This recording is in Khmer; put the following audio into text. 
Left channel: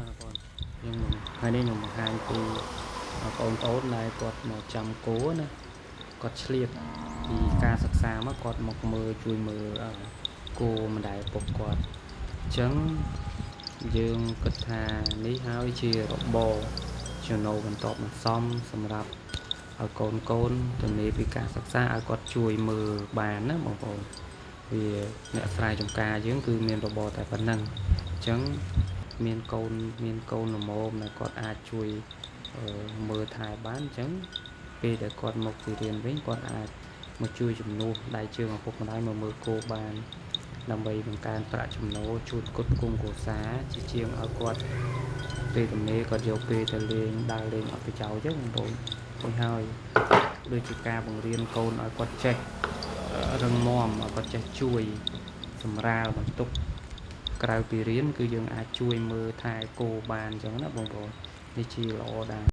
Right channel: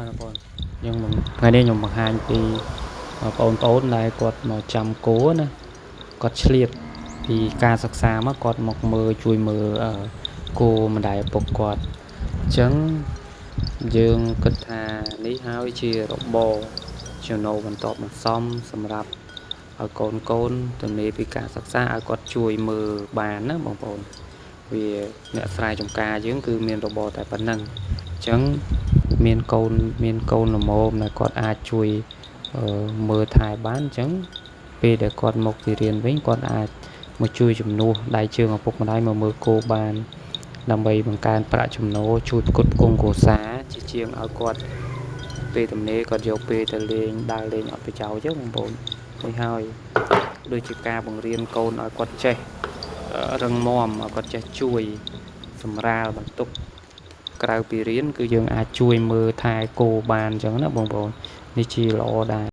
បាទបងយើងថ្ងៃនេះខ្ញុំបង្ហាញពីបងប្អូនដែលគាត់មកចាំគោណាគាត់ឆ្លៀតពីការសិក្សាមកគាត់មកមើលជួយមើលគោម្ដាយឪពុកគាត់អញ្ចឹងយើងគិតថានេះហើយជារបរចំណូលបន្ទាប់បន្សំសម្រាប់ឲ្យកូនទៅនេពីការសិក្សាឲ្យគាត់ជួយមើលបានណាបងប្អូនវាអ្នកស្រែចម្ការយើងគឺមានរបរតែប៉ុណ្្នឹងអញ្ចឹងមានកូនល្មមដែលគាត់អាចជួយមើលថែបានអញ្ចឹងពេលដែលគាត់មកពីរៀនវិញគាត់អាចមកជួយជំនួសដៃជើងឪពុកម្ដាយមកមើលគោបានដើម្បីបង្កើនប្រាក់ចំណូលជួយផ្គត់ផ្គង់គ្រួសារជាជាងឲ្យគាត់ពេលទំនេរគាត់យកពេលទៅលេងដើរលេងអត់ប្រយោជន៍ទេបងប្អូននេះហើយដូចជាការបង្រៀនកូនឲ្យគាត់ចេះរឹងមាំឲ្យគាត់ចេះជួយសម្រាលបន្ទុកក្រៅពីរៀនគឺយើងអាចជួយមើលថែគោបានអញ្ចឹងណាបងប្អូននេះជាល្អដែរ